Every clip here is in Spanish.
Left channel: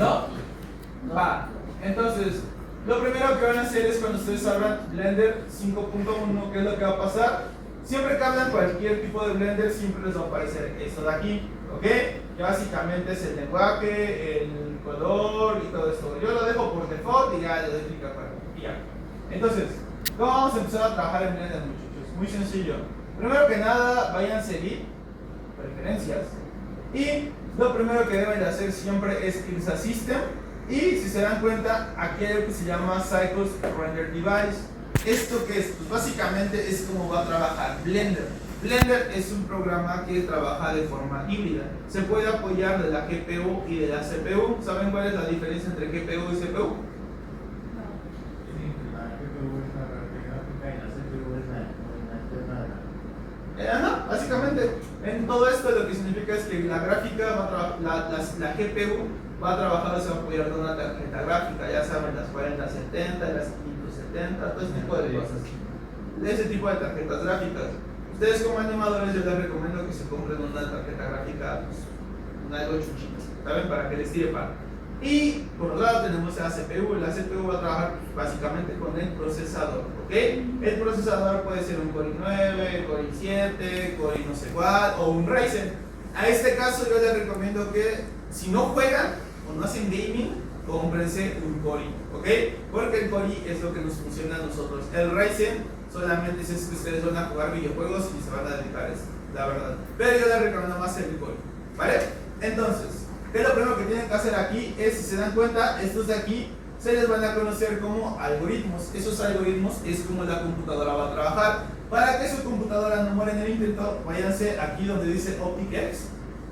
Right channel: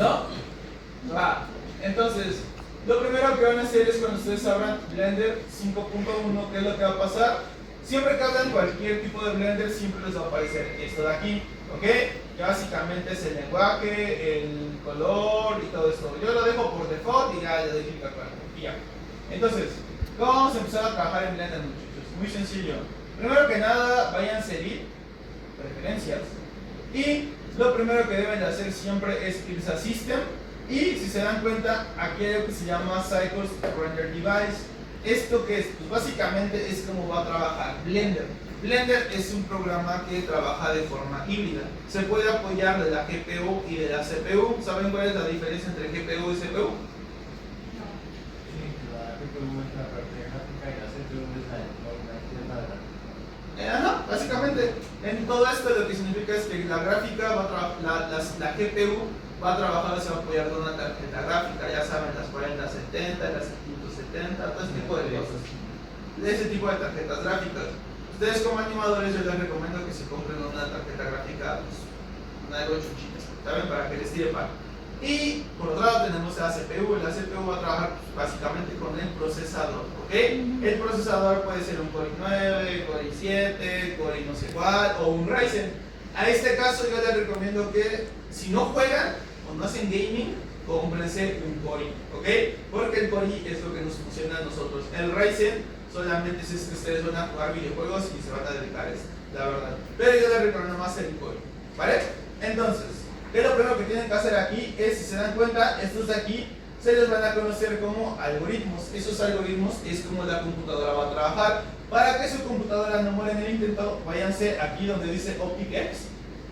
¿No? Va. Entonces, lo primero que van a hacer es cuando ustedes abran Blender 5.1, ¿qué es lo que va a pasar? Siempre que abran cualquier tipo de Blender, siempre les va a aparecer esto de aquí, ¿ok? Que básicamente es el lenguaje, el color y todo esto. Yo lo dejo por default y ya le doy clic acá. Y ya. Entonces, ¿cómo vamos a empezar a trabajar en Blender, muchachos? Muy sencillo. Primero que nada, vayan a seguir preferencias. Y lo primero que deben de hacer siempre es irse a System. Y si se dan cuenta, aquí hay algo que se llama Cycles Render Device. ¿Esto qué es? Pues básicamente es como va a trabajar Blender. Blender es un programa que trabaja de forma híbrida. Se puede apoyar de la GPU y de la CPU. ¿Saben cuál es la diferencia entre GPU y CPU? Ajá, básicamente, en todo esto lo que significa es que la gráfica va a la GPU va a trabajar, se va a apoyar de una tarjeta gráfica, ya saben, las 4070, las 570, todo ese tipo de cosas, de ese tipo de tarjetas gráficas. Ustedes como animadores yo les recomiendo que se compren una tarjeta gráfica, pues, una algo chuchita, ¿saben? Para que les tire para. Y por otro lado tenemos la CPU. La CPU va a trabajar básicamente con el procesador, ¿ok? El procesador puede ser un Core i9, Core i7, Core i no sé cuál, o un Ryzen. A este caso yo les recomiendo que si no juegan o no hacen gaming, cómprense un Core i, ¿ok? Porque el Core i es lo que nos funciona a nosotros. El Ryzen solamente es que ustedes van a jugar videojuegos y se van a dedicar a eso, la verdad. Pero yo les recomiendo más el Core, ¿vale? Entonces, ¿qué es lo primero que tienen que hacer aquí? Es, si se dan cuenta, estos de aquí se les van a conocer como algoritmos. Esos algoritmos es como la computadora va a trabajar. Para que su computadora no muera en el intento, váyanse aquí donde dice OpticX.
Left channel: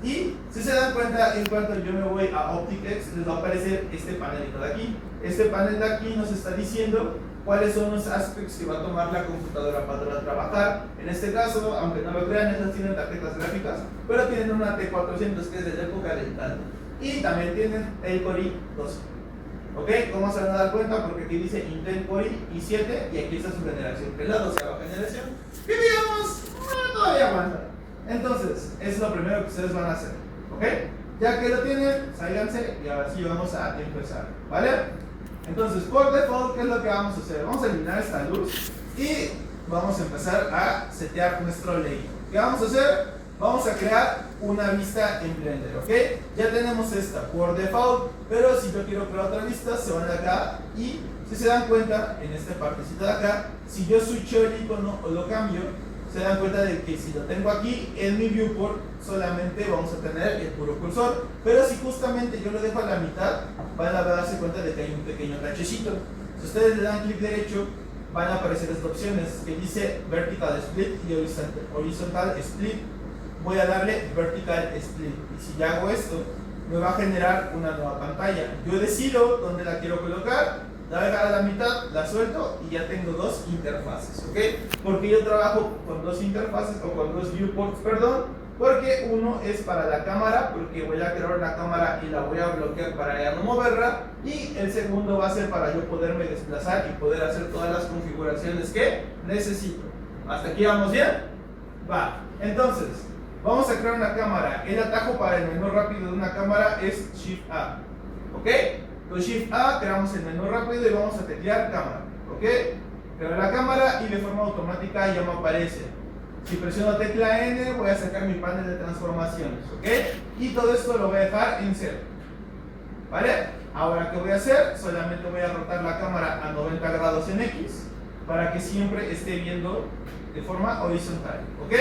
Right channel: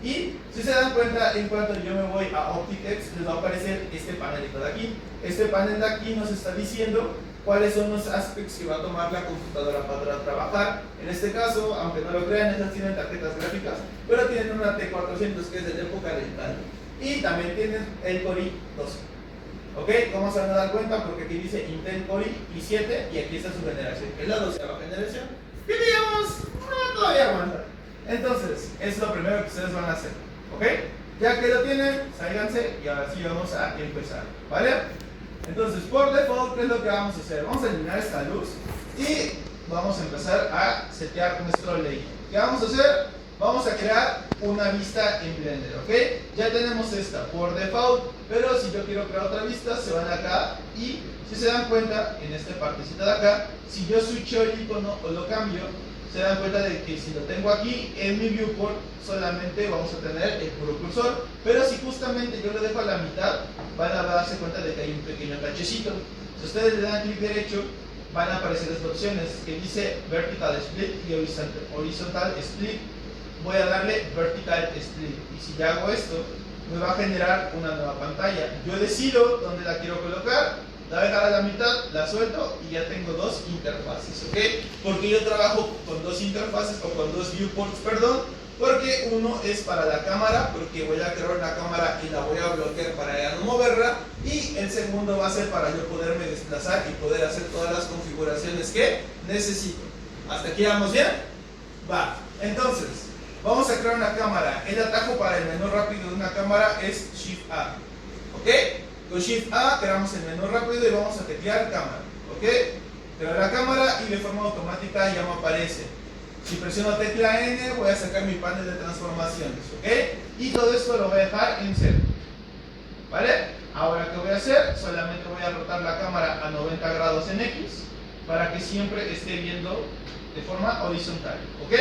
Y si se dan cuenta, en cuanto yo me voy a OpticX, les va a aparecer este panelito de aquí. Este panel de aquí nos está diciendo cuáles son los aspectos que va a tomar la computadora para trabajar. En este caso, aunque no lo crean, esas tienen tarjetas gráficas, pero tienen una T400 que es de la época del tal. Y también tienen el Core i12. ¿Ok? ¿Cómo se van a dar cuenta? Porque aquí dice Intel Core i7 y aquí está su generación, que es la 12ª generación. Y digamos, todavía aguanta. Entonces, es lo primero que ustedes van a hacer. ¿Ok? Ya que lo tienen, sálganse y ahora sí vamos a empezar. ¿Vale? Entonces, por default, ¿qué es lo que vamos a hacer? Vamos a eliminar esta luz y vamos a empezar a setear nuestro layout. ¿Qué vamos a hacer? Vamos a crear una vista en Blender, ¿ok? Ya tenemos esta por default, pero si yo quiero crear otra vista, se van acá y si se dan cuenta, en esta partecita de acá, si yo switcho el icono o lo cambio, se dan cuenta de que si lo tengo aquí, en mi viewport solamente vamos a tener el puro cursor, pero si justamente yo lo dejo a la mitad, van a darse cuenta de que hay un pequeño tachecito. Si ustedes le dan clic derecho, van a aparecer estas opciones que dice Vertical Split y Horizontal Split. Voy a darle Vertical Split y si ya hago esto, me va a generar una nueva pantalla. Yo decido dónde la quiero colocar, la voy a dejar a la mitad, la suelto y ya tengo dos interfaces, ¿ok? Porque yo trabajo con dos interfaces o con dos viewports, perdón, porque uno es para la cámara, porque voy a crear una cámara y la voy a bloquear para ya no moverla, y el segundo va a ser para yo poderme desplazar y poder hacer todas las configuraciones que necesito. ¿Hasta aquí vamos bien? Va, entonces, vamos a crear una cámara. El atajo para el menú rápido de una cámara es Shift A, ¿ok? Con Shift A creamos el menú rápido y vamos a teclear cámara, ¿ok? Creo la cámara y de forma automática ya me aparece. Si presiono tecla N voy a sacar mi panel de transformaciones, ¿ok? Y todo esto lo voy a dejar en 0, ¿vale? Ahora, ¿qué voy a hacer? Solamente voy a rotar la cámara a 90 grados en X para que siempre esté viendo de forma horizontal, ¿ok?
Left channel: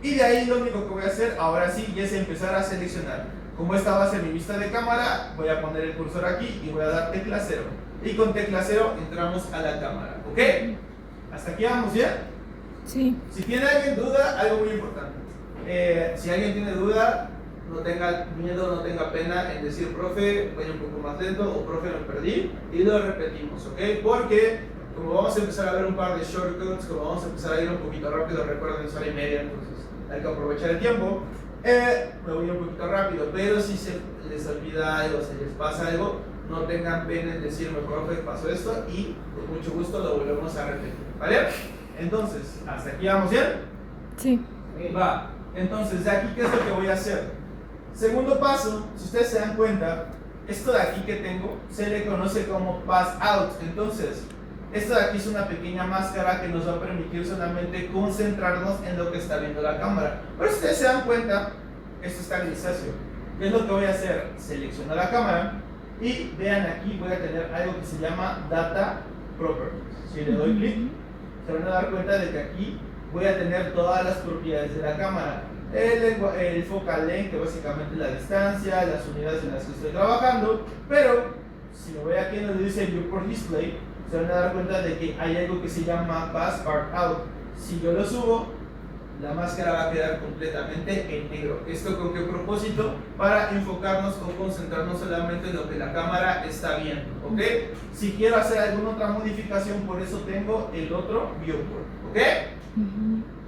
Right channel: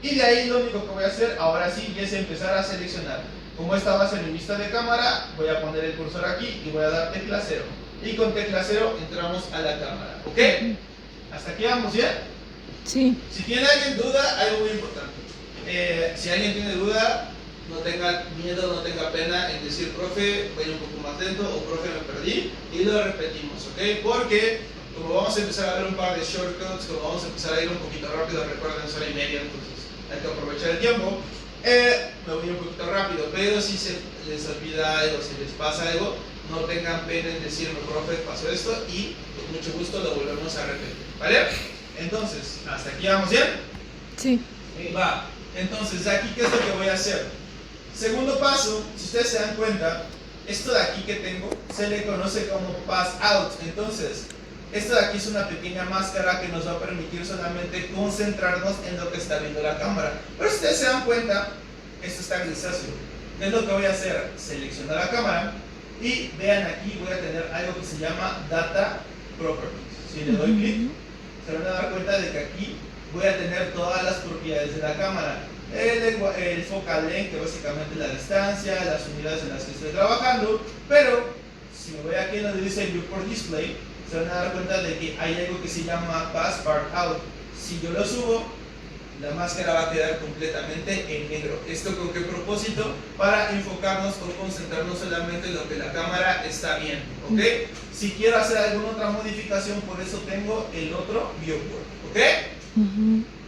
Y de ahí lo único que voy a hacer ahora sí es empezar a seleccionar. Como esta va a ser mi vista de cámara, voy a poner el cursor aquí y voy a dar tecla 0. Y con tecla 0 entramos a la cámara, ¿ok? ¿Hasta aquí vamos bien? Sí. Si tiene alguien duda, algo muy importante. Si alguien tiene duda, no tenga miedo, no tenga pena en decir, profe, voy un poco más lento o profe, me perdí, y lo repetimos, ¿ok? Porque como vamos a empezar a ver un par de shortcuts, como vamos a empezar a ir un poquito rápido, recuerden, es hora y media, entonces hay que aprovechar el tiempo. Me voy un poquito rápido, pero si se les olvida algo, se les pasa algo, no tengan pena en decirme, profe, pasó esto, y con mucho gusto lo volvemos a repetir, ¿vale? Entonces, ¿hasta aquí vamos bien? Sí. Va. Entonces, de aquí, ¿qué es lo que voy a hacer? Segundo paso, si ustedes se dan cuenta, esto de aquí que tengo se le conoce como pass out. Entonces, esto de aquí es una pequeña máscara que nos va a permitir solamente concentrarnos en lo que está viendo la cámara. Pero si ustedes se dan cuenta, esto está grisáceo. ¿Qué es lo que voy a hacer? Selecciono la cámara y vean aquí voy a tener algo que se llama Data Properties. Si le doy clic, se van a dar cuenta de que aquí voy a tener todas las propiedades de la cámara. El focal length, que básicamente es la distancia, las unidades en las que estoy trabajando, pero si me voy aquí donde dice Viewport Display, se van a dar cuenta de que hay algo que se llama Pass Part Out. Si yo lo subo, la máscara va a quedar completamente en negro. ¿Esto con qué propósito? Para enfocarnos o concentrarnos solamente en lo que la cámara está viendo, ¿ok? Si quiero hacer alguna otra modificación, por eso tengo el otro viewport, ¿ok?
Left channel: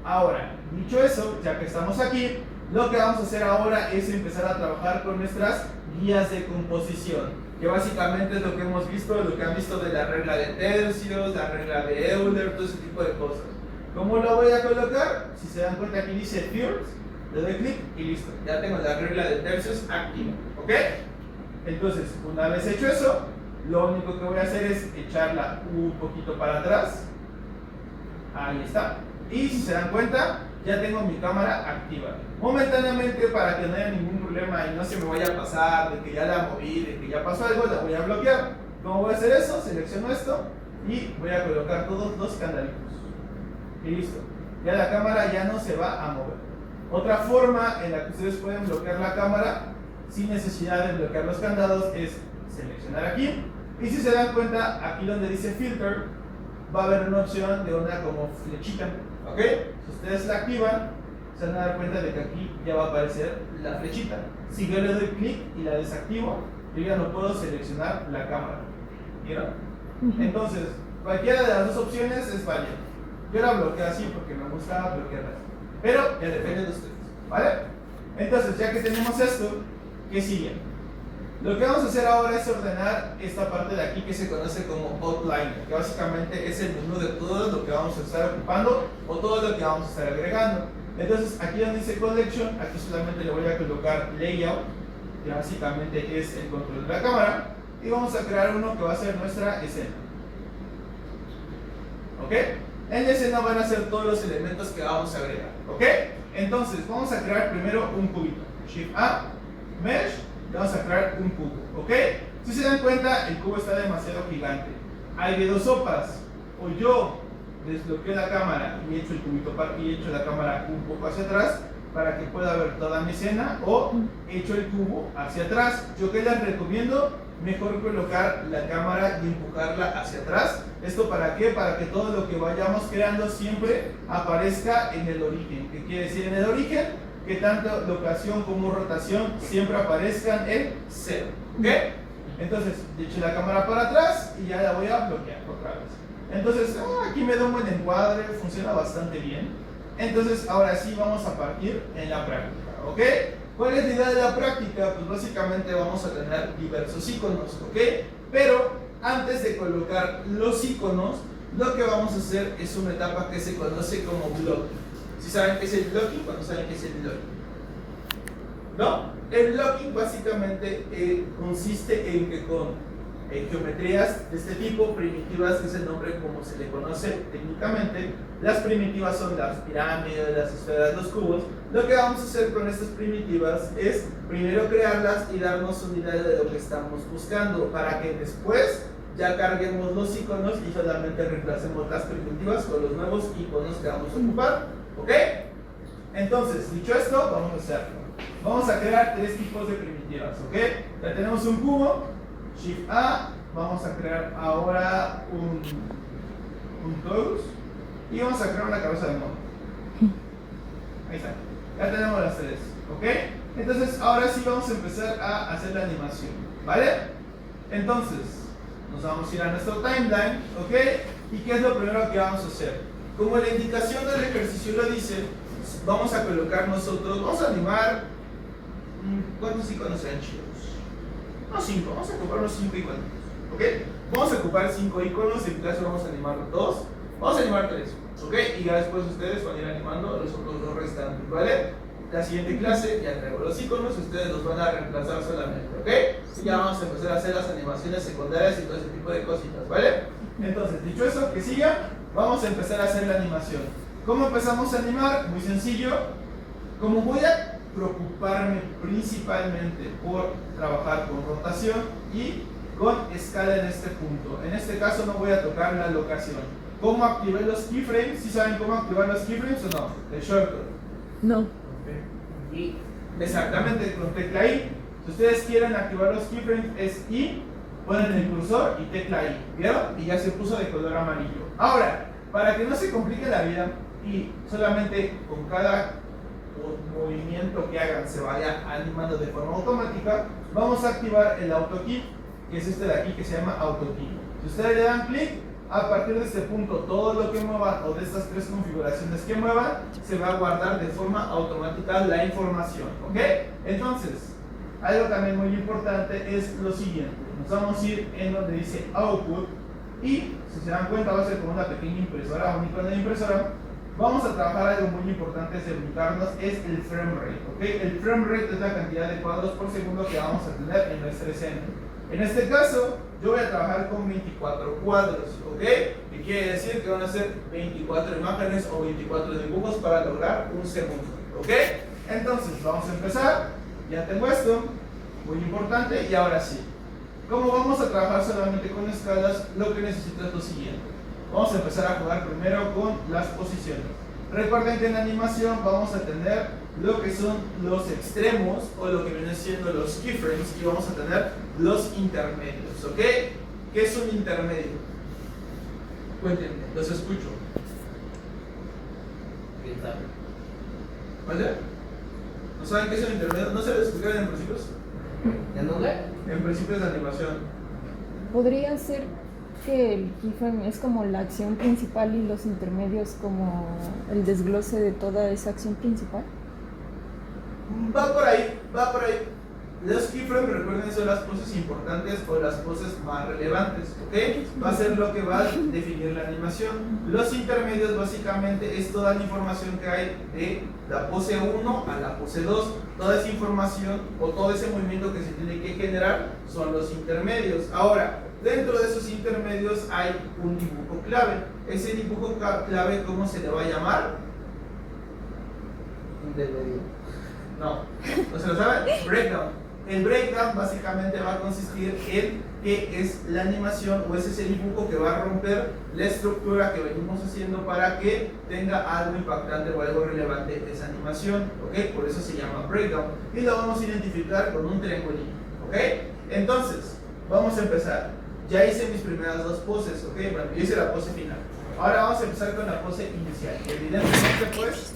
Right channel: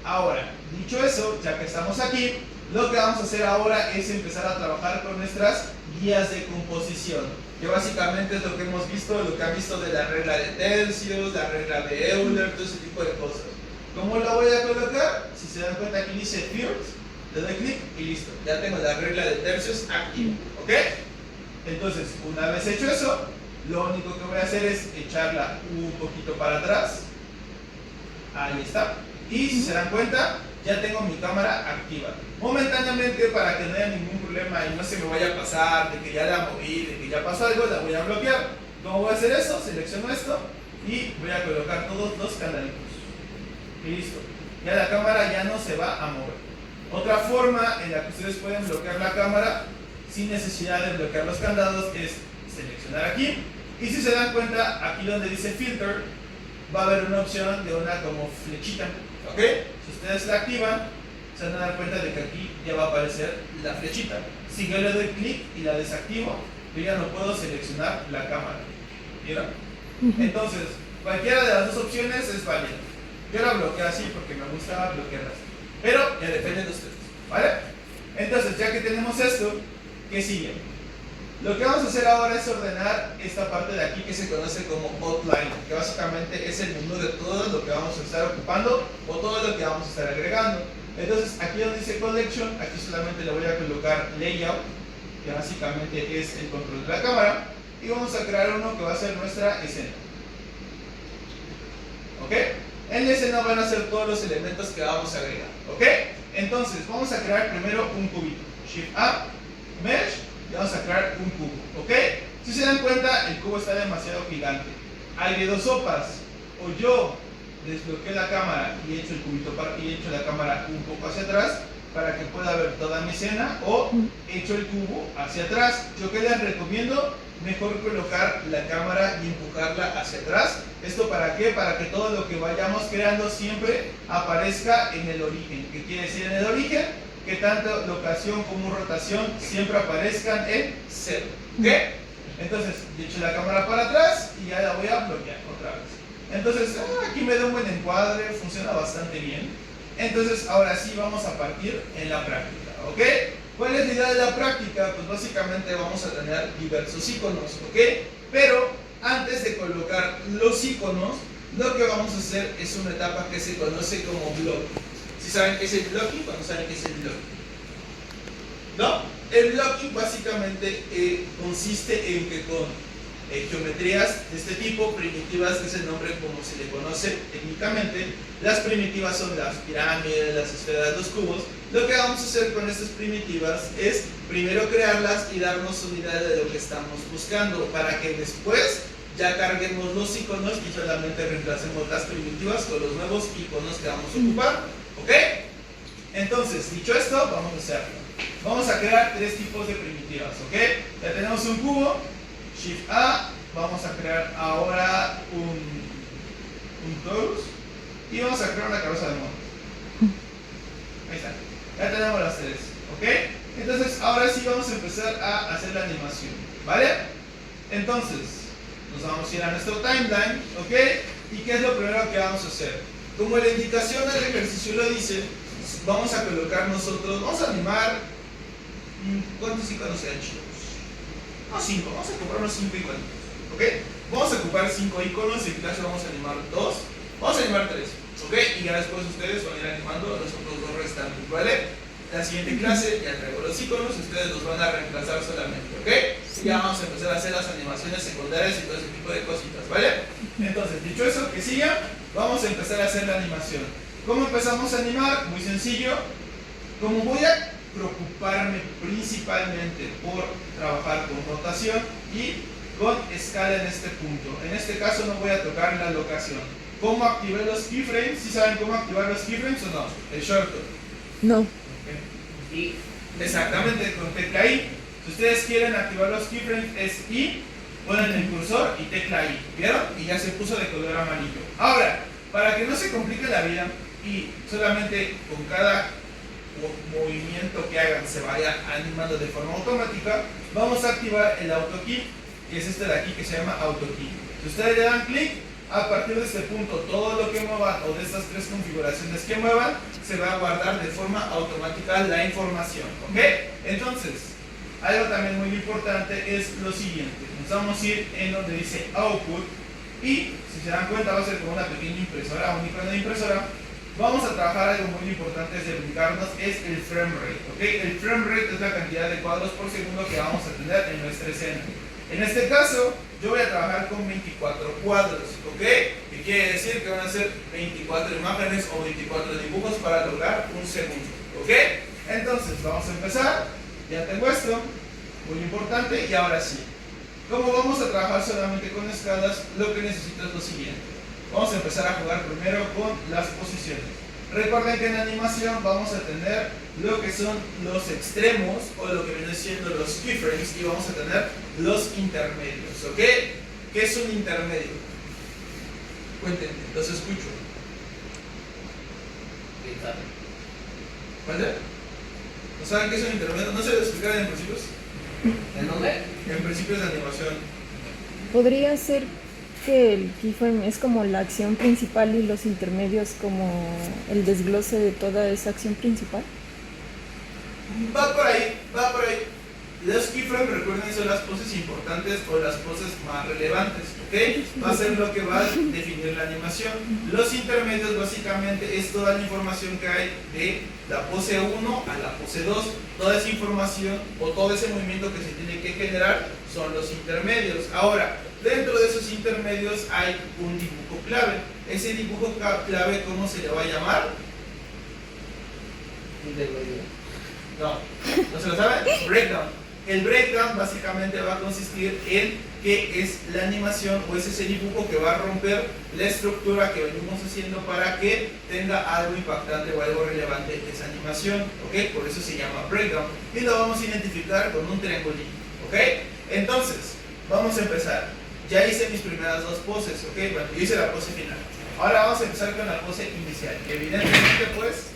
Ahora, dicho eso, ya que estamos aquí, lo que vamos a hacer ahora es empezar a trabajar con nuestras guías de composición, que básicamente es lo que hemos visto, lo que han visto de la regla de tercios, la regla de Euler, todo ese tipo de cosas. ¿Cómo lo voy a colocar? Si se dan cuenta, aquí dice First, le doy clic y listo, ya tengo la regla de tercios activa, ¿ok? Entonces, una vez hecho eso, lo único que voy a hacer es echarla un poquito para atrás. Ahí está. Y si se dan cuenta, ya tengo mi cámara activa. Momentáneamente, para que no haya ningún problema y no se me vaya a pasar, de que ya la moví, de que ya pasó algo, la voy a bloquear. ¿Cómo voy a hacer eso? Selecciono esto y voy a colocar todos los candaditos. Y listo. Ya la cámara ya no se va a mover. Otra forma en la que ustedes pueden bloquear la cámara sin necesidad de bloquear los candados es seleccionar aquí. Y si se dan cuenta, aquí donde dice Filter, va a haber una opción de una como flechita. ¿Ok? Si ustedes la activan, se van a dar cuenta de que aquí ya va a aparecer la flechita. Si yo le doy clic y la desactivo, yo ya no puedo seleccionar la cámara. ¿Vieron? Entonces, cualquiera de las dos opciones es válida. Yo la bloqueo así porque me gusta bloquearlas. Pero ya depende de ustedes. ¿Vale? Entonces, ya que tenemos esto, ¿qué sigue? Lo que vamos a hacer ahora es ordenar esta parte de aquí que se conoce como outline, que básicamente es el menú de todo lo que vamos a estar ocupando o todo lo que vamos a estar agregando. Entonces, aquí donde dice Collection, aquí solamente le voy a colocar Layout, que básicamente es el control de la cámara, y vamos a crear uno que va a ser nuestra escena. ¿Ok? En la escena van a ser todos los elementos que vamos a agregar. ¿Ok? Entonces, vamos a crear primero un cubito. Shift A, Mesh, y vamos a crear un cubo, ¿ok? Si se dan cuenta, el cubo está demasiado gigante. Hay de dos sopas. O yo desbloqueo la cámara y echo el cubito y echo la cámara un poco hacia atrás para que pueda ver toda mi escena, o echo el cubo hacia atrás. Yo que les recomiendo, mejor colocar la cámara y empujarla hacia atrás. ¿Esto para qué? Para que todo lo que vayamos creando siempre aparezca en el origen. ¿Qué quiere decir en el origen? Que tanto locación como rotación siempre aparezcan en 0. ¿Ok? Entonces, yo echo la cámara para atrás y ya la voy a bloquear otra vez. Entonces, aquí me da un buen encuadre, funciona bastante bien. Entonces, ahora sí vamos a partir en la práctica. ¿Ok? ¿Cuál es la idea de la práctica? Pues básicamente vamos a tener diversos iconos. ¿Ok? Pero antes de colocar los iconos, lo que vamos a hacer es una etapa que se conoce como blocking. ¿Sí saben qué es el blocking o no saben qué es el blocking? ¿No? El blocking básicamente consiste en que con geometrías de este tipo, primitivas, que es el nombre como se le conoce técnicamente, las primitivas son las pirámides, las esferas, los cubos. Lo que vamos a hacer con estas primitivas es primero crearlas y darnos unidades de lo que estamos buscando, para que después ya carguemos los iconos y solamente reemplacemos las primitivas con los nuevos iconos que vamos a ocupar. ¿Ok? Entonces, dicho esto, vamos a hacerlo. Vamos a crear tres tipos de primitivas. ¿Ok? Ya tenemos un cubo. Shift A. Vamos a crear ahora un torus. Y vamos a crear una cabeza de mono. Ahí está. Ya tenemos las tres. ¿Ok? Entonces, ahora sí vamos a empezar a hacer la animación. ¿Vale? Entonces, nos vamos a ir a nuestro timeline. ¿Ok? ¿Y qué es lo primero que vamos a hacer? Como la indicación del ejercicio lo dice, vamos a colocar nosotros, vamos a animar, ¿cuántos iconos sean chidos? No, 5, vamos a ocupar unos 5 iconos, ¿ok? Vamos a ocupar 5 iconos, en clase vamos a animar 2, vamos a animar 3, ¿ok? Y ya después ustedes van a ir animando los otros 2 restantes, ¿vale? La siguiente clase ya traigo los iconos, ustedes los van a reemplazar solamente, ¿ok? y ya vamos a empezar a hacer las animaciones secundarias y todo ese tipo de cositas, ¿vale? Entonces, dicho eso, que siga, vamos a empezar a hacer la animación. ¿Cómo empezamos a animar? Muy sencillo. Como voy a preocuparme principalmente por trabajar con rotación y con escala en este punto. En este caso no voy a tocar la locación. ¿Cómo activar los keyframes? ¿Sí saben cómo activar los keyframes o no? El shortcut. No. Y exactamente, con tecla I. Si ustedes quieren activar los keyframes es I, ponen el cursor y tecla I. ¿Vieron? Y ya se puso de color amarillo. Ahora, para que no se complique la vida y solamente con cada movimiento que hagan se vaya animando de forma automática, vamos a activar el AutoKey, que es este de aquí que se llama AutoKey. Si ustedes le dan clic, a partir de este punto todo lo que muevan o de estas tres configuraciones que muevan se va a guardar de forma automática la información, ¿ok? Entonces, algo también muy importante es lo siguiente. Nos vamos a ir en donde dice Output y si se dan cuenta va a ser como una pequeña impresora, un icono de impresora. Vamos a trabajar algo muy importante de ubicarnos, es el frame rate, ¿ok? El frame rate es la cantidad de cuadros por segundo que vamos a tener en nuestra escena. En este caso, yo voy a trabajar con 24 cuadros, ¿ok? Y quiere decir que van a ser 24 imágenes o 24 dibujos para lograr un segundo, ¿ok? Entonces, vamos a empezar. Ya tengo esto, muy importante, y ahora sí. Como vamos a trabajar solamente con escalas, lo que necesito es lo siguiente. Vamos a empezar a jugar primero con las posiciones. Recuerden que en animación vamos a tener lo que son los extremos o lo que viene siendo los keyframes y vamos a tener los intermedios, ¿ok? ¿Qué es un intermedio? Cuéntenme, los escucho. ¿Vale? ¿No saben qué es un intermedio? ¿No se les explicaron en principios? ¿En dónde? En principios de animación. Podría ser que el keyframe es como la acción principal y los intermedios como el desglose de toda esa acción principal. Va por ahí, va por ahí. Los keyframes, recuerden, son las poses importantes o las poses más relevantes, ¿ok? Va a ser lo que va a definir la animación. Los intermedios básicamente es toda la información que hay de la pose 1 a la pose 2. Toda esa información o todo ese movimiento que se tiene que generar son los intermedios. Ahora, dentro de esos intermedios hay un dibujo clave. Ese dibujo clave, ¿cómo se le va a llamar? Intermedio. No, ¿no se lo saben? Breakdown. El breakdown básicamente va a consistir en qué es la animación o es ese dibujo que va a romper la estructura que venimos haciendo para que tenga algo impactante o algo relevante en esa animación, ¿ok? Por eso se llama breakdown y lo vamos a identificar con un triangulito, ¿ok? Entonces, vamos a empezar. Ya hice mis primeras dos poses, ¿ok? Bueno, yo hice la pose final. Ahora vamos a empezar con la pose inicial. Evidentemente, pues,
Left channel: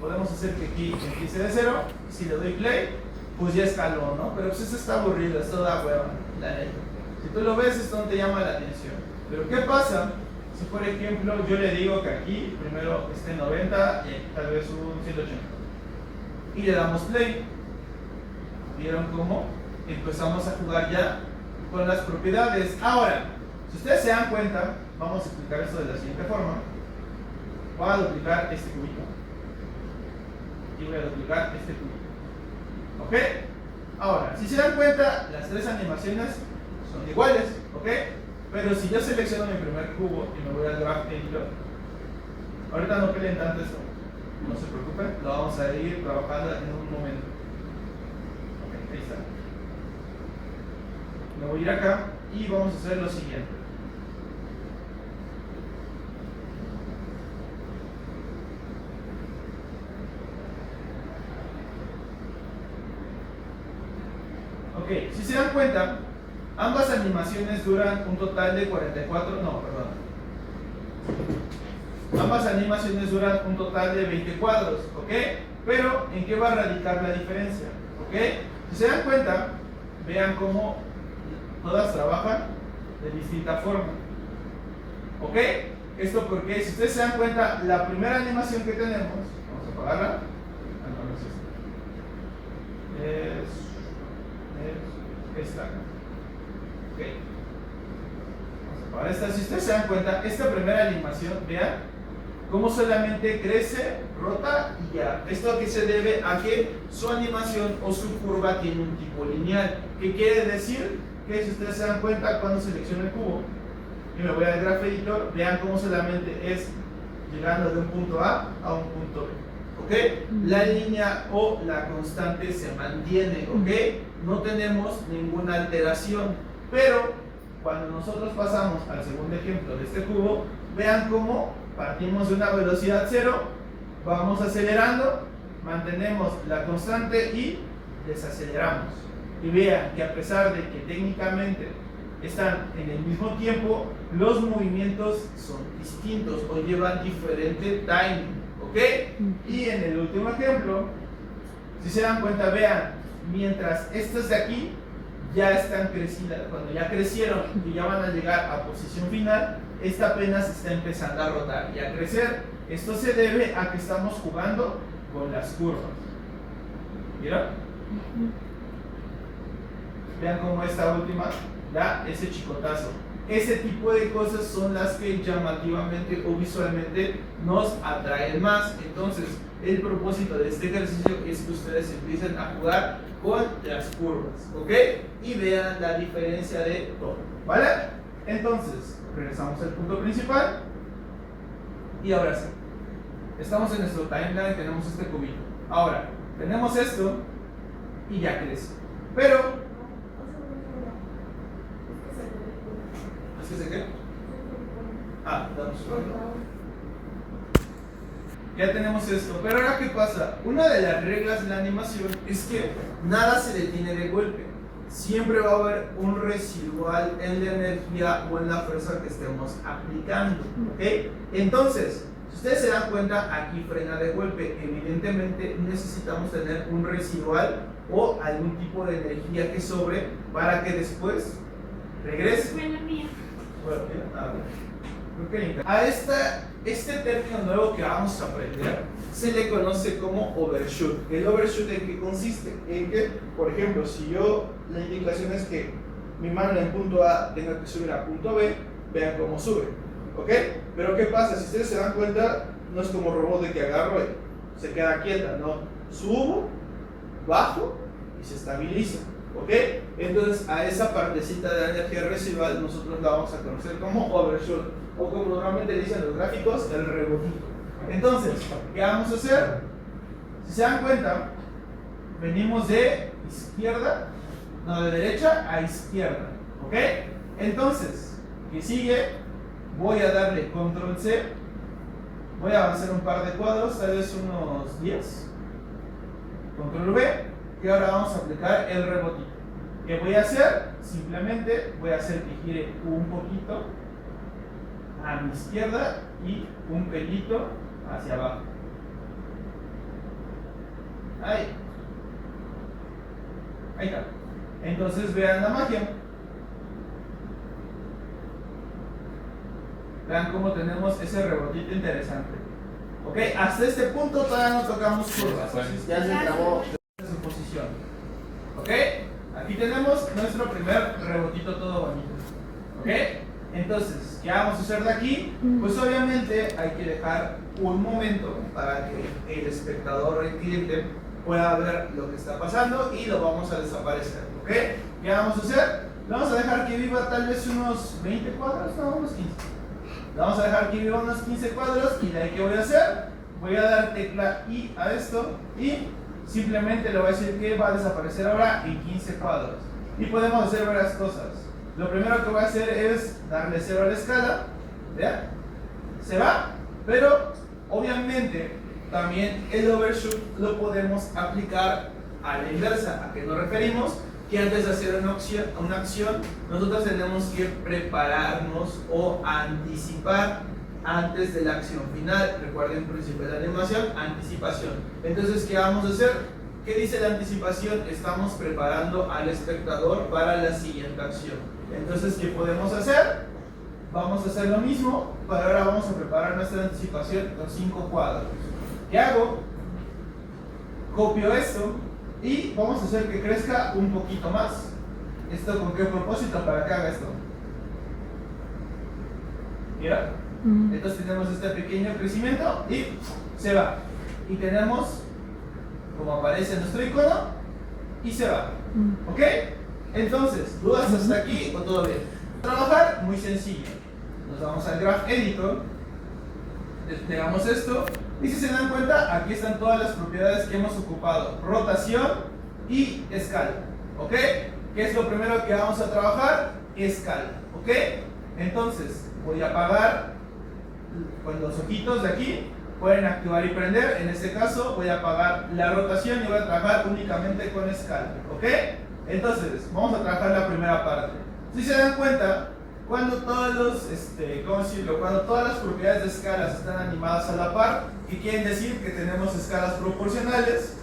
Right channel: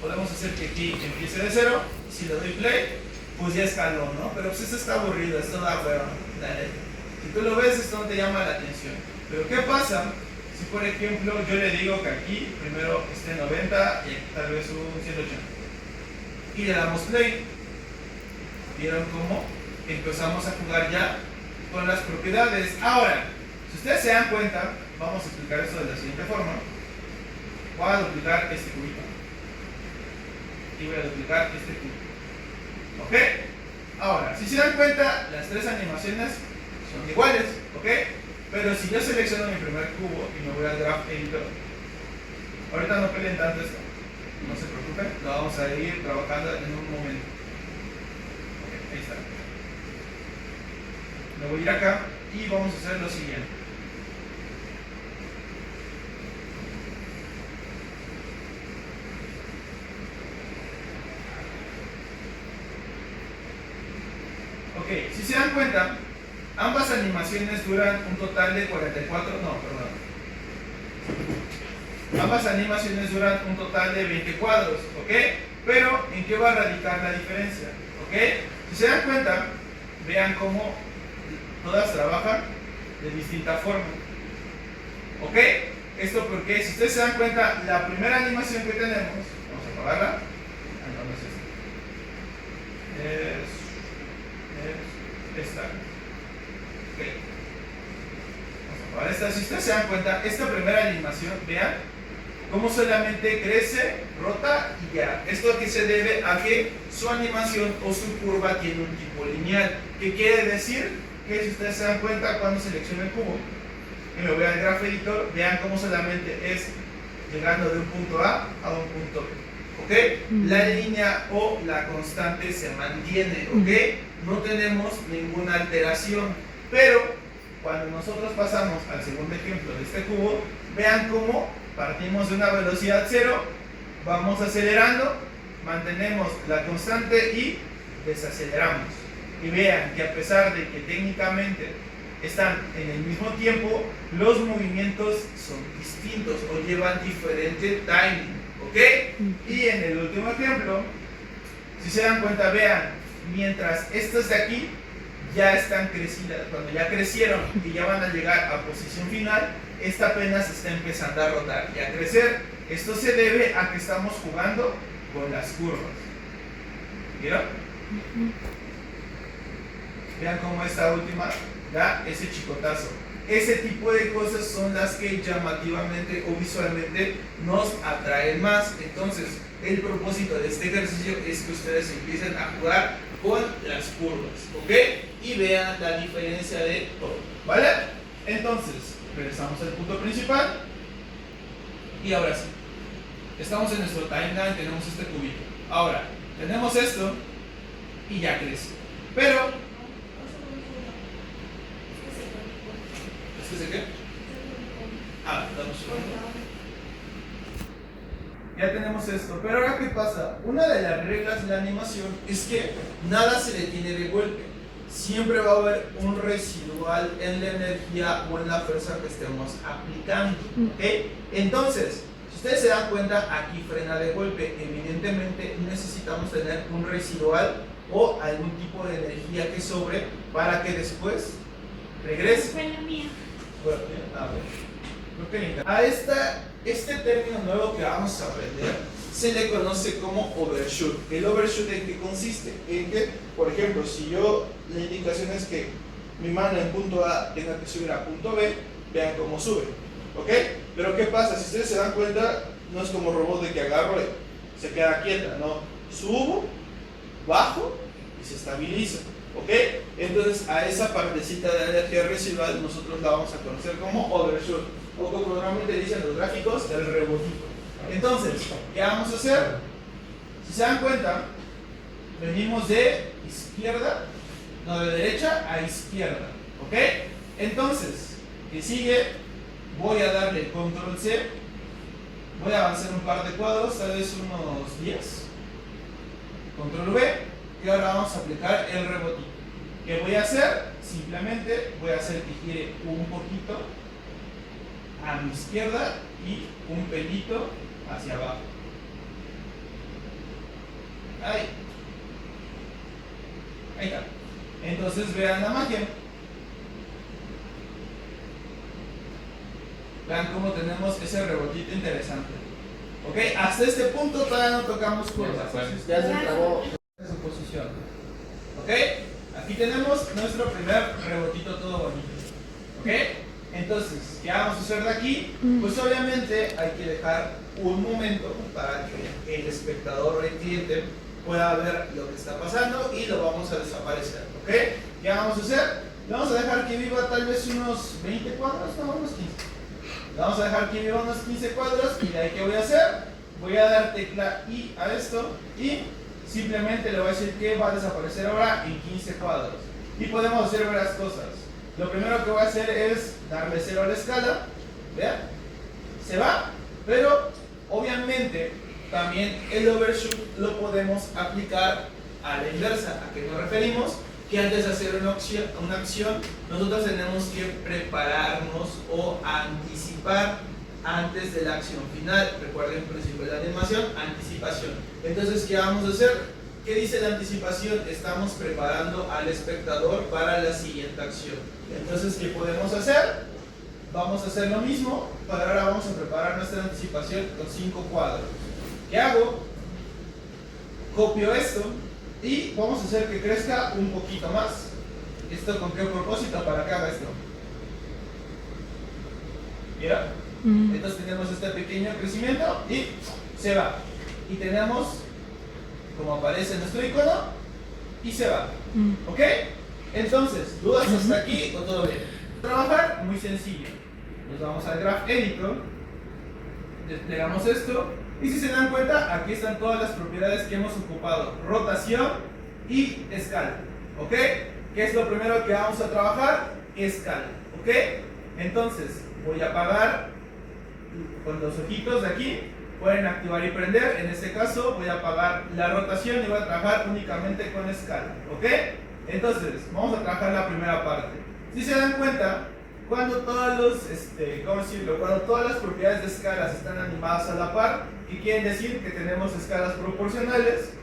podemos hacer que aquí empiece de cero. Si le doy play, pues ya escaló, ¿no? Pero pues esto está aburrido, esto da hueva, la neta. Si tú lo ves, esto no te llama la atención. Pero ¿qué pasa si, por ejemplo, yo le digo que aquí primero esté 90 y aquí tal vez un 180? Y le damos play. ¿Vieron cómo? Empezamos a jugar ya con las propiedades. Ahora, si ustedes se dan cuenta, vamos a explicar esto de la siguiente forma. Voy a duplicar este cubito. Y voy a duplicar este cubito. ¿Ok? Ahora, si se dan cuenta, las tres animaciones son iguales, ¿ok? Pero si yo selecciono mi primer cubo y me voy al Graph Editor, ahorita no peleen tanto esto, no se preocupen, lo vamos a ir trabajando en un momento. Ok, ahí está. Me voy a ir acá y vamos a hacer lo siguiente. Ok, si se dan cuenta, ambas animaciones duran un total de 44, no, perdón. Ambas animaciones duran un total de 20 cuadros, ¿ok? Pero, ¿en qué va a radicar la diferencia? ¿Ok? Si se dan cuenta, vean cómo todas trabajan de distinta forma. ¿Ok? Esto porque, si ustedes se dan cuenta, la primera animación que tenemos, vamos a apagarla. Es esta. Ok. Vamos a apagar esta. Si ustedes se dan cuenta, esta primera animación, vean cómo solamente crece, rota y ya. ¿Esto a qué se debe? A que su animación o su curva tiene un tipo lineal. ¿Qué quiere decir? Que si ustedes se dan cuenta cuando selecciono el cubo y me voy al Graph Editor, vean cómo solamente es llegando de un punto A un punto B. ¿Ok? La línea o la constante se mantiene. ¿Ok? No tenemos ninguna alteración. Pero cuando nosotros pasamos al segundo ejemplo de este cubo, vean cómo partimos de una velocidad cero, vamos acelerando, mantenemos la constante y desaceleramos. Y vean que a pesar de que técnicamente están en el mismo tiempo, los movimientos son distintos o llevan diferente timing. ¿Ok? Y en el último ejemplo, si se dan cuenta, vean, mientras estas de aquí ya están crecidas, cuando ya crecieron y ya van a llegar a posición final, esta apenas está empezando a rotar y a crecer. Esto se debe a que estamos jugando con las curvas. ¿Vieron? Vean cómo esta última da ese chicotazo. Ese tipo de cosas son las que llamativamente o visualmente nos atraen más. Entonces, el propósito de este ejercicio es que ustedes empiecen a jugar con las curvas, ¿ok? Y vean la diferencia de todo, ¿vale? Entonces, regresamos al punto principal. Y ahora sí, estamos en nuestro timeline, tenemos este cubito. Ahora, tenemos esto y ya crece. Pero ¿es que se qué? Damos un ya tenemos esto, pero ahora ¿qué pasa? Una de las reglas de la animación es que nada se detiene de golpe. Siempre va a haber un residual en la energía o en la fuerza que estemos aplicando, ¿ok? Entonces, si ustedes se dan cuenta, aquí frena de golpe. Evidentemente necesitamos tener un residual o algún tipo de energía que sobre para que después regrese. A este término nuevo que vamos a aprender se le conoce como overshoot. ¿El overshoot en qué consiste? En que, por ejemplo, si yo la indicación es que mi mano en punto A tenga que subir a punto B, vean cómo sube, ¿ok? Pero ¿qué pasa? Si ustedes se dan cuenta, no es como robot de que agarro y se queda quieta, no, subo, bajo y se estabiliza, ¿ok? Entonces a esa partecita de energía residual nosotros la vamos a conocer como overshoot, o como normalmente dicen los gráficos, el rebotito. Entonces, ¿qué vamos a hacer? Si se dan cuenta, venimos de izquierda, no, de derecha a izquierda, ¿ok? Entonces, ¿qué sigue? Voy a darle control C, voy a avanzar un par de cuadros, tal vez unos 10, control V, y ahora vamos a aplicar el rebotito. ¿Qué voy a hacer? Simplemente voy a hacer que gire un poquito a mi izquierda y un pelito hacia abajo. Ahí está. Entonces vean la magia. Vean cómo tenemos ese rebotito interesante. Ok, hasta este punto todavía no tocamos curvas. Ya se trabó. En su posición. Ok, aquí tenemos nuestro primer rebotito todo bonito. Ok, entonces, ¿qué vamos a hacer de aquí? Pues obviamente hay que dejar un momento para que el espectador o el cliente pueda ver lo que está pasando y lo vamos a desaparecer. ¿Ok? ¿Qué vamos a hacer? Vamos a dejar que viva tal vez unos 20 cuadros, no, unos 15. Le vamos a dejar que viva unos 15 cuadros y de ahí ¿qué voy a hacer? Voy a dar tecla I a esto y simplemente le voy a decir que va a desaparecer ahora en 15 cuadros. Y podemos hacer varias cosas. Lo primero que voy a hacer es darle 0 a la escala. ¿Vean? Se va, pero obviamente también el overshoot lo podemos aplicar a la inversa. ¿A qué nos referimos? Que antes de hacer una acción, nosotros tenemos que prepararnos o anticipar antes de la acción final. Recuerden el principio de la animación, anticipación. Entonces, ¿qué vamos a hacer? ¿Qué dice la anticipación? Estamos preparando al espectador para la siguiente acción. Entonces, ¿qué podemos hacer? Vamos a hacer lo mismo, pero ahora vamos a preparar nuestra anticipación con 5 cuadros. ¿Qué hago? Copio esto y vamos a hacer que crezca un poquito más. ¿Esto con qué propósito? Para que haga esto. Mira, Entonces tenemos este pequeño crecimiento y se va. Y tenemos, como aparece nuestro icono, y se va. ¿Ok? Entonces, dudas hasta aquí o todo bien. Trabajar, muy sencillo. Nos vamos al Graph Editor, desplegamos esto, y si se dan cuenta, aquí están todas las propiedades que hemos ocupado: rotación y escala. ¿Ok? ¿Qué es lo primero que vamos a trabajar? Escala. ¿Ok? Entonces, voy a apagar con los ojitos de aquí. Pueden activar y prender. En este caso voy a apagar la rotación y voy a trabajar únicamente con escala. ¿Ok? Entonces, vamos a trabajar la primera parte. Si se dan cuenta, cuando todos los, ¿cómo decirlo? Cuando todas las propiedades de escalas están animadas a la par, y quieren decir que tenemos escalas proporcionales,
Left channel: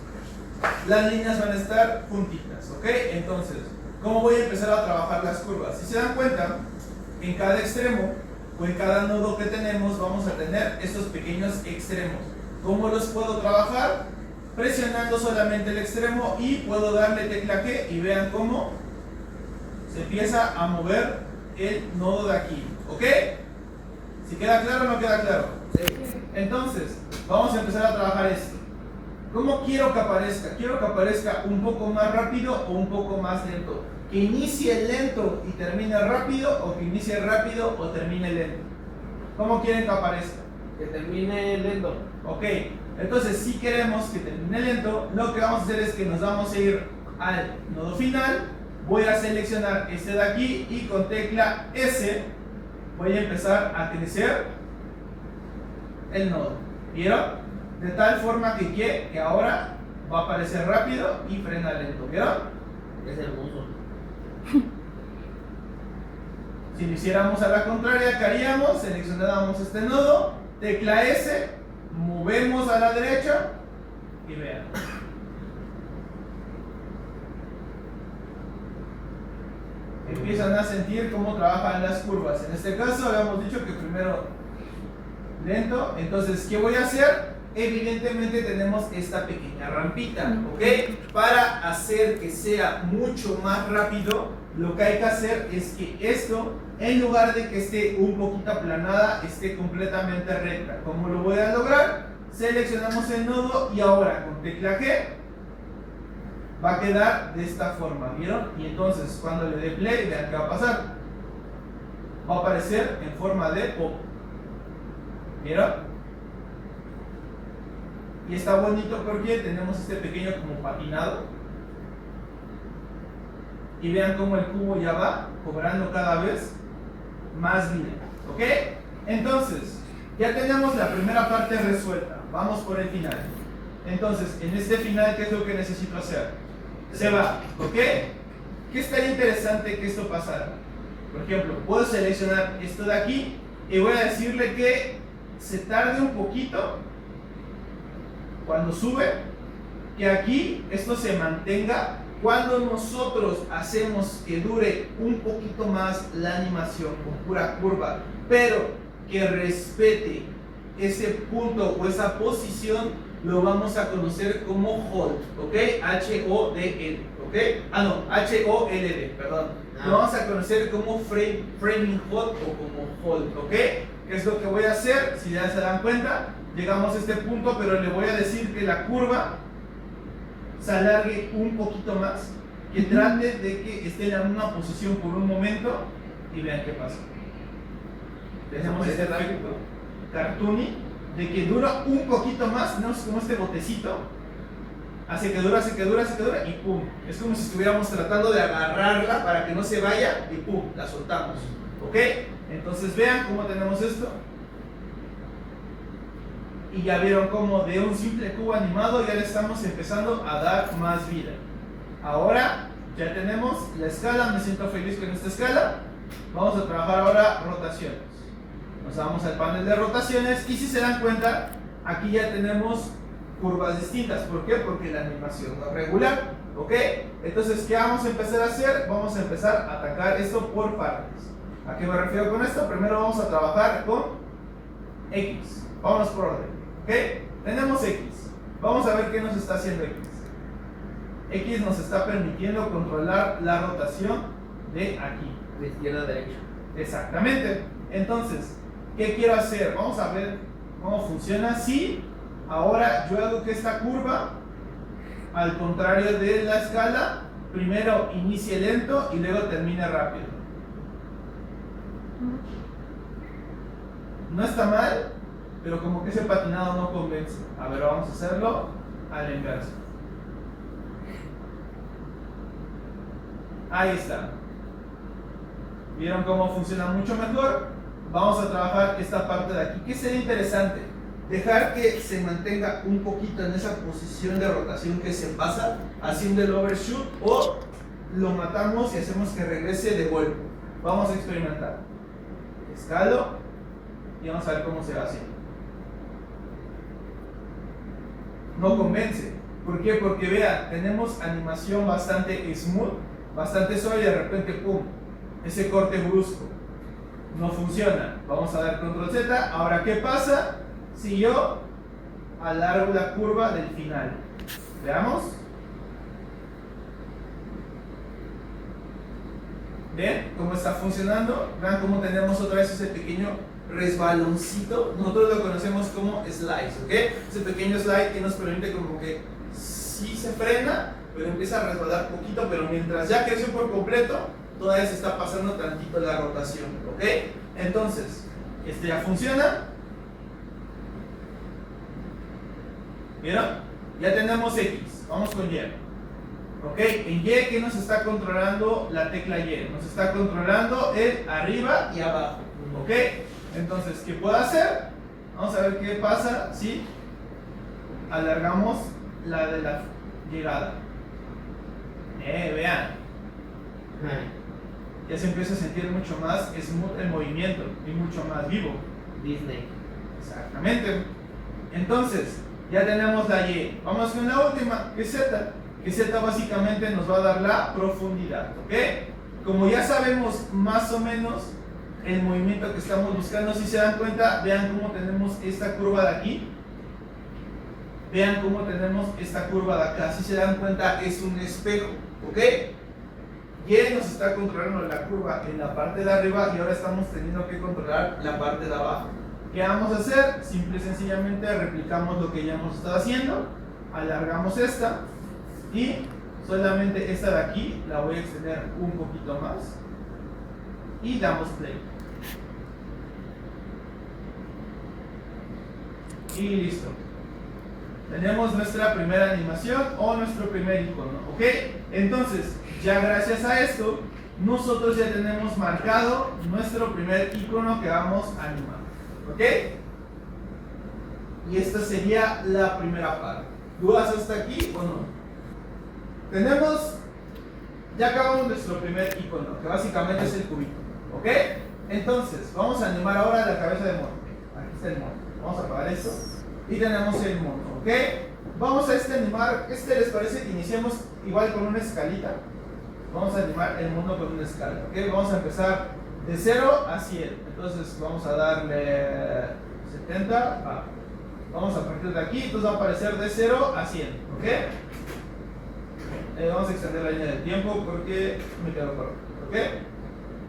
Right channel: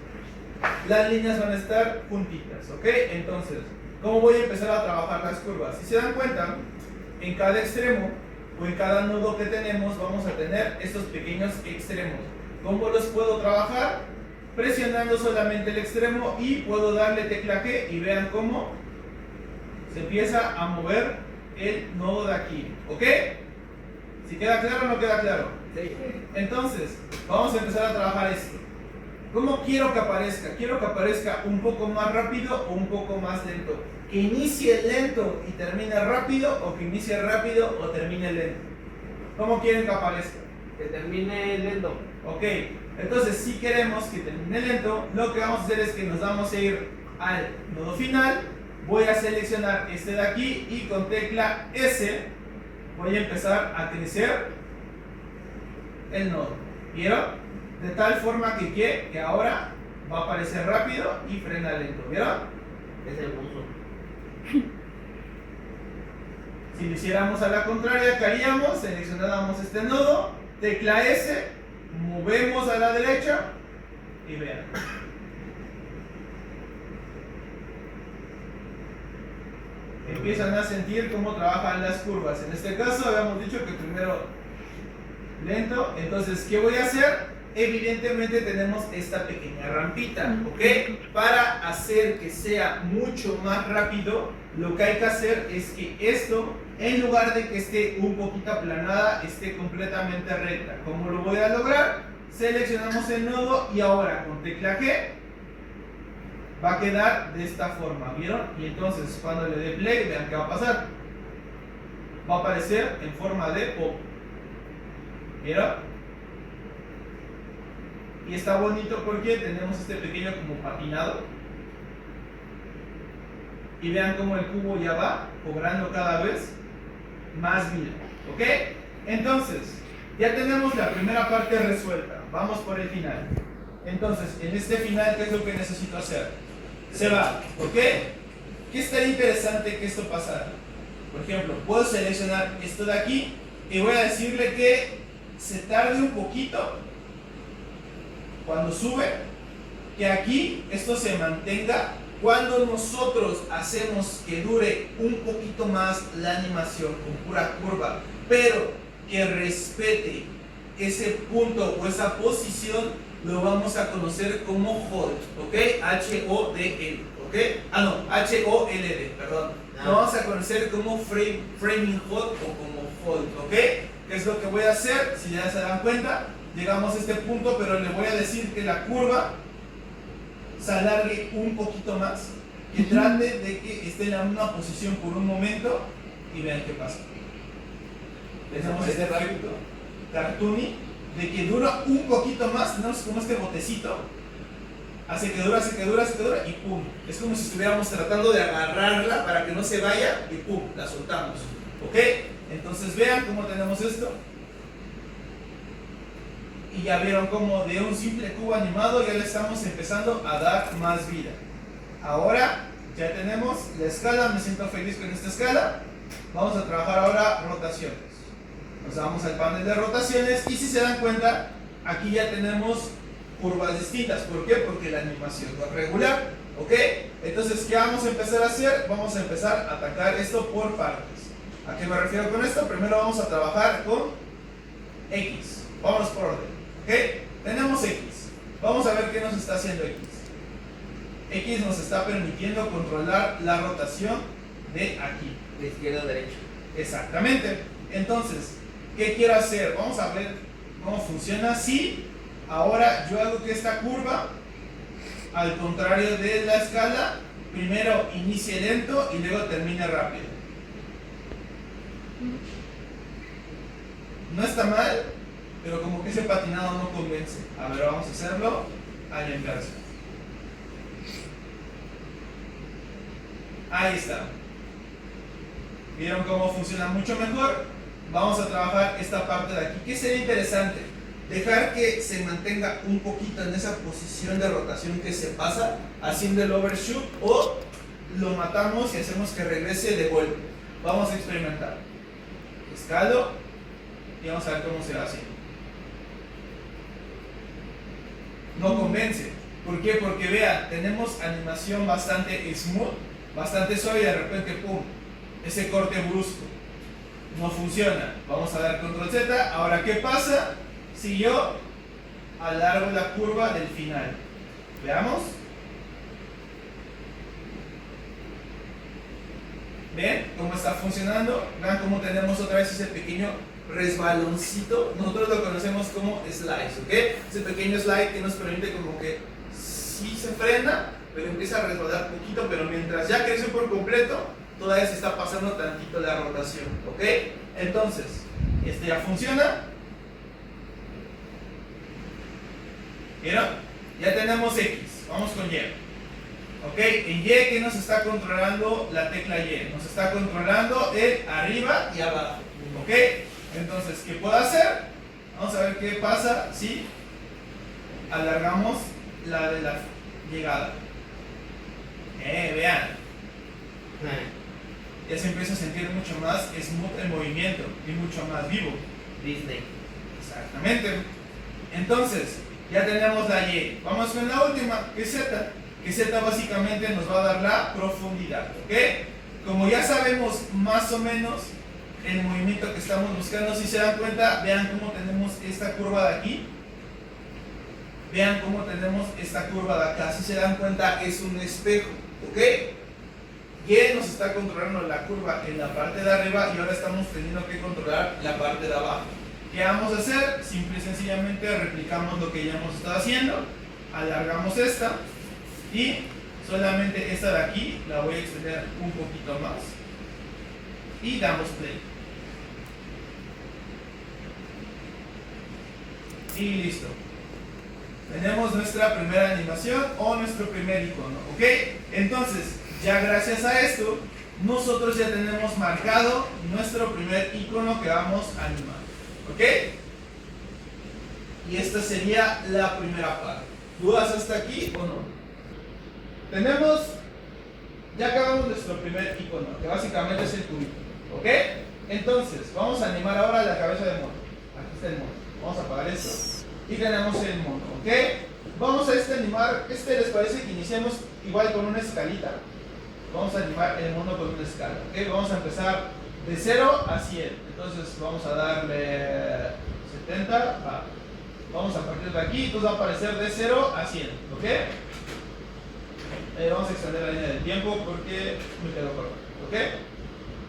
las líneas van a estar juntitas. ¿Ok? Entonces, ¿cómo voy a empezar a trabajar las curvas? Si se dan cuenta, en cada extremo o en cada nodo que tenemos vamos a tener estos pequeños extremos. ¿Cómo los puedo trabajar? Presionando solamente el extremo, y puedo darle tecla G y vean cómo se empieza a mover el nodo de aquí. ¿Ok? ¿Si queda claro o no queda claro? Sí. Entonces, vamos a empezar a trabajar esto. ¿Cómo quiero que aparezca? Quiero que aparezca un poco más rápido o un poco más lento. Que inicie lento y termine rápido, o que inicie rápido o termine lento. ¿Cómo quieren que aparezca? Que termine lento. Ok, entonces si queremos que termine lento, lo que vamos a hacer es que nos vamos a ir al nodo final. Voy a seleccionar este de aquí y con tecla S voy a empezar a crecer el nodo. ¿Vieron? De tal forma que ahora va a aparecer rápido y frena lento. ¿Vieron? Es hermoso. Si lo hiciéramos a la contraria, ¿qué haríamos? Seleccionábamos este nodo, tecla S, movemos a la derecha y vean. Empiezan a sentir cómo trabajan las curvas. En este caso habíamos dicho que primero lento. Entonces, ¿qué voy a hacer? Evidentemente tenemos esta pequeña rampita, ¿ok? Para hacer que sea mucho más rápido, lo que hay que hacer es que esto, en lugar de que esté un poquito aplanada, esté completamente recta. ¿Cómo lo voy a lograr? Seleccionamos el nodo y ahora con tecla G va a quedar de esta forma, ¿vieron? Y entonces cuando le dé play, vean qué va a pasar. Va a aparecer en forma de pop. ¿Vieron? Y está bonito porque tenemos este pequeño como patinado. Y vean cómo el cubo ya va cobrando cada vez más vida. ¿Ok? Entonces, ya tenemos la primera parte resuelta. Vamos por el final. Entonces, en este final, ¿qué es lo que necesito hacer? Se va. ¿Ok? ¿Qué estaría interesante que esto pasara? Por ejemplo, puedo seleccionar esto de aquí y voy a decirle que se tarde un poquito cuando sube, que aquí esto se mantenga cuando nosotros hacemos que dure un poquito más la animación con pura curva, pero que respete ese punto o esa posición, lo vamos a conocer como hold, ¿ok? H-O-D-L, ¿ok? H-O-L-D, perdón. Lo vamos a conocer como framing hold o como hold, ¿ok? ¿Qué es lo que voy a hacer? Si ya se dan cuenta, llegamos a este punto, pero le voy a decir que la curva se alargue un poquito más, que trate de que esté en la misma posición por un momento y vean qué pasa. Tenemos este efecto cartoony de que dura un poquito más, tenemos como este botecito, hace que dura, hace que dura, hace que dura y pum. Es como si estuviéramos tratando de agarrarla para que no se vaya y pum, la soltamos. ¿Ok? Entonces vean cómo tenemos esto. Y ya vieron como de un simple cubo animado ya le estamos empezando a dar más vida. Ahora ya tenemos la escala, me siento feliz con esta escala. Vamos a trabajar ahora rotaciones. Nos vamos al panel de rotaciones y si se dan cuenta, aquí ya tenemos curvas distintas. ¿Por qué? Porque la animación va regular. ¿Ok? Entonces, ¿qué vamos a empezar a hacer? Vamos a empezar a atacar esto por partes. ¿A qué me refiero con esto? Primero vamos a trabajar con X. Vamos por orden. ¿Ok? Tenemos X. Vamos a ver qué nos está haciendo X. X nos está permitiendo controlar la rotación de aquí. De izquierda a derecha. Exactamente. Entonces, ¿qué quiero hacer? Vamos a ver cómo funciona si ahora yo hago que esta curva, al contrario de la escala, primero inicie lento y luego termine rápido. No está mal, pero como que ese patinado no convence. A ver, vamos a hacerlo al inverso. Ahí está. ¿Vieron cómo funciona mucho mejor? Vamos a trabajar esta parte de aquí. ¿Qué sería interesante? Dejar que se mantenga un poquito en esa posición de rotación que se pasa haciendo el overshoot, o lo matamos y hacemos que regrese de golpe. Vamos a experimentar. Escalo y vamos a ver cómo se va haciendo. No convence. ¿Por qué? Porque vean, tenemos animación bastante smooth, bastante suave, y de repente, ¡pum!, ese corte brusco. No funciona. Vamos a dar control Z. Ahora, ¿qué pasa si yo alargo la curva del final? Veamos. ¿Ven cómo está funcionando? Vean cómo tenemos otra vez ese pequeño resbaloncito. Nosotros lo conocemos como slice, ¿ok? Ese pequeño slide que nos permite como que sí se frena, pero empieza a resbalar poquito, pero mientras ya creció por completo, todavía se está pasando tantito la rotación, ¿ok? Entonces, este ya funciona. ¿Vieron? Ya tenemos X. Vamos con Y. ¿Ok? En Y, ¿qué nos está controlando la tecla Y? Nos está controlando el arriba y abajo. ¿Ok? Entonces, ¿qué puedo hacer? Vamos a ver qué pasa si alargamos la de la llegada. Vean. Ya se empieza a sentir mucho más smooth el movimiento y mucho más vivo. Disney. Exactamente. Entonces, ya tenemos la Y. Vamos con la última, que es Z. Que Z básicamente nos va a dar la profundidad. ¿Ok? Como ya sabemos más o menos el movimiento que estamos buscando, si se dan cuenta, vean cómo tenemos esta curva de aquí. Vean cómo tenemos esta curva de acá. Si se dan cuenta, es un espejo. ¿Ok? Y nos está controlando la curva en la parte de arriba, y ahora estamos teniendo que controlar la parte de abajo. ¿Qué vamos a hacer? Simple y sencillamente replicamos lo que ya hemos estado haciendo. Alargamos esta y solamente esta de aquí la voy a extender un poquito más y damos play. Y listo. Tenemos nuestra primera animación o nuestro primer icono. ¿Ok? Entonces, ya gracias a esto, nosotros ya tenemos marcado nuestro primer icono que vamos a animar. ¿Ok? Y esta sería la primera parte. ¿Dudas hasta aquí o no? Ya acabamos nuestro primer icono, que básicamente es el cubito. ¿Ok? Entonces, vamos a animar ahora la cabeza de mono. Aquí está el mono. Vamos a apagar esto. Y tenemos el mono. ¿Ok? Vamos a animar. ¿Les parece que iniciemos igual con una escalita? Vamos a animar el mono con una escala. ¿Ok? Vamos a empezar de 0 a 100. Entonces vamos a darle 70. Vamos a partir de aquí. Entonces va a aparecer de 0 a 100. ¿Ok? Vamos a extender la línea del tiempo porque me quedó corto. ¿Ok?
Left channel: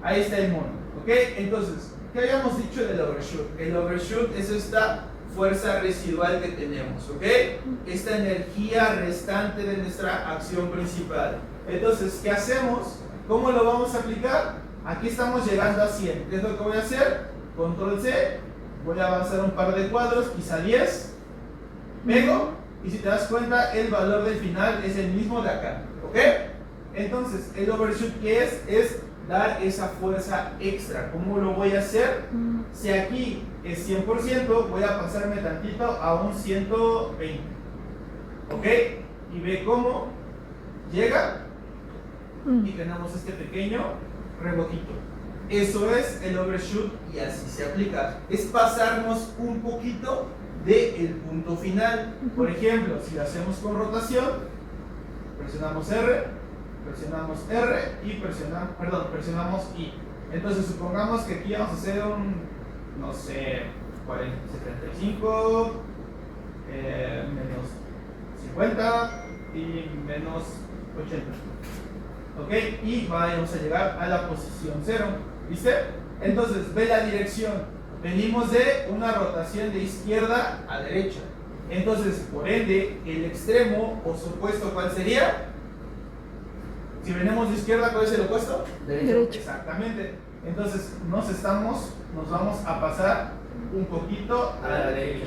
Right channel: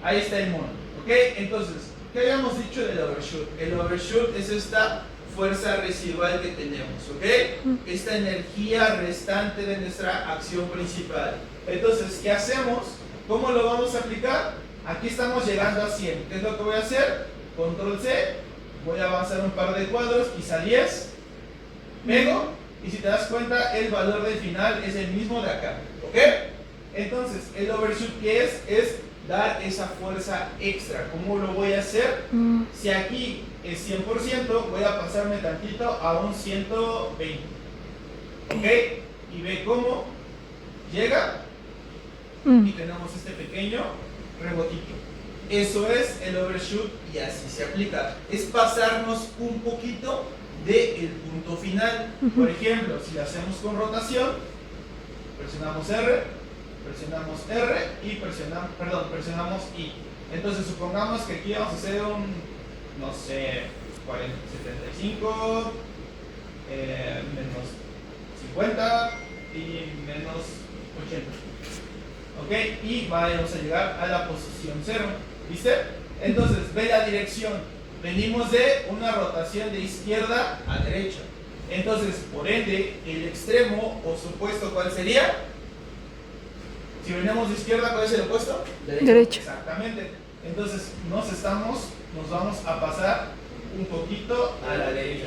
Ahí está el mono. ¿Ok? Entonces, ¿qué habíamos dicho del overshoot? El overshoot es esta fuerza residual que tenemos. ¿Ok? Esta energía restante de nuestra acción principal. Entonces, ¿qué hacemos? ¿Cómo lo vamos a aplicar? Aquí estamos llegando a 100. ¿Qué es lo que voy a hacer? Control C. Voy a avanzar un par de cuadros, quizá 10. Pego. Y si te das cuenta, el valor del final es el mismo de acá. ¿Ok? Entonces, el overshoot, ¿qué es? Es dar esa fuerza extra. ¿Cómo lo voy a hacer? Si aquí es 100%, voy a pasarme tantito a un 120. ¿Ok? Y ve cómo llega y tenemos este pequeño rebotito. Eso es el overshoot y así se aplica. Es pasarnos un poquito del punto final. Por ejemplo, si lo hacemos con rotación, presionamos R y presionamos I. Entonces supongamos que aquí vamos a hacer un, no sé, 75, menos 50 y menos 80. ¿Ok? Y vamos a llegar a la posición 0. ¿Viste? Entonces ve la dirección. venimos de una rotación de izquierda a derecha. Entonces, por ende, el extremo o su opuesto, ¿cuál sería? Si venimos de izquierda, ¿cuál es el opuesto? Derecho. Exactamente. Entonces, nos vamos a pasar un poquito A la derecha.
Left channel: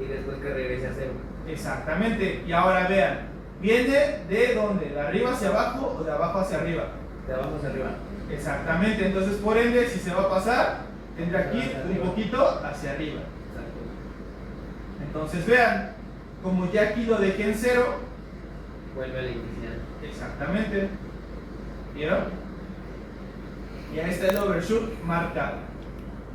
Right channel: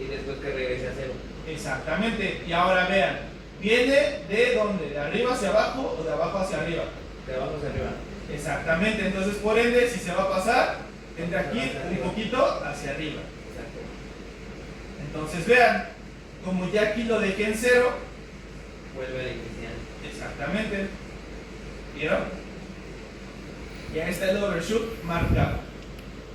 Y después que regrese a cero. Exactamente. Y ahora vean, ¿viene de dónde? ¿De arriba hacia abajo o de abajo hacia arriba? De abajo hacia arriba. Exactamente. Entonces, por ende, si se va a pasar, tendrá que ir Hacia un arriba. poquito hacia arriba. Exacto. Entonces, vean, como ya aquí lo dejé en cero, Vuelve al inicial. exactamente. ¿Vieron? Ya está el overshoot marcado.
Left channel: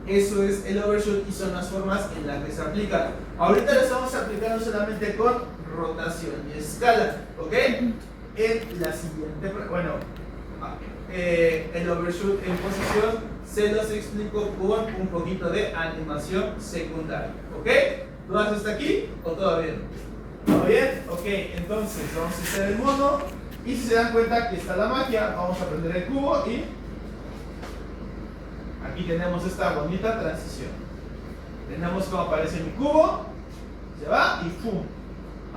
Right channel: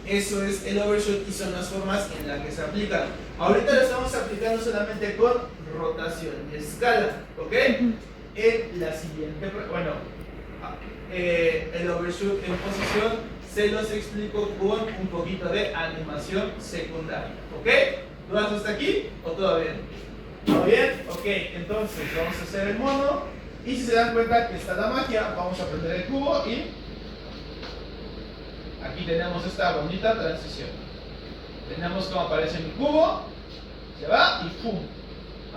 Eso es el overshoot y son las formas en las que se aplican. Ahorita lo estamos aplicando solamente con rotación y escala, ¿ok? En la siguiente, bueno, el overshoot en posición se los explico con un poquito de animación secundaria, ¿ok? ¿Lo haces hasta aquí o todo bien? ¿Todo bien? Ok, entonces vamos a hacer el mono y si se dan cuenta que está la magia, vamos a prender el cubo y aquí tenemos esta bonita transición. Tenemos como aparece mi cubo, se va y ¡pum!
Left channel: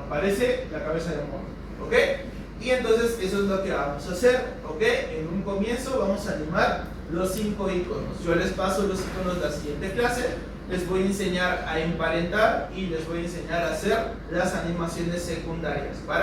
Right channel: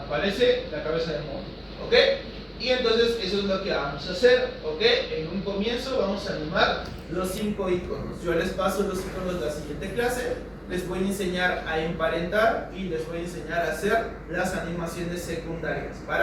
Aparece la cabeza del mono, ¿ok? Y entonces eso es lo que vamos a hacer, ¿ok? En un comienzo vamos a animar los 5 iconos. Yo les paso los iconos la siguiente clase, les voy a enseñar a emparentar y les voy a enseñar a hacer las animaciones secundarias.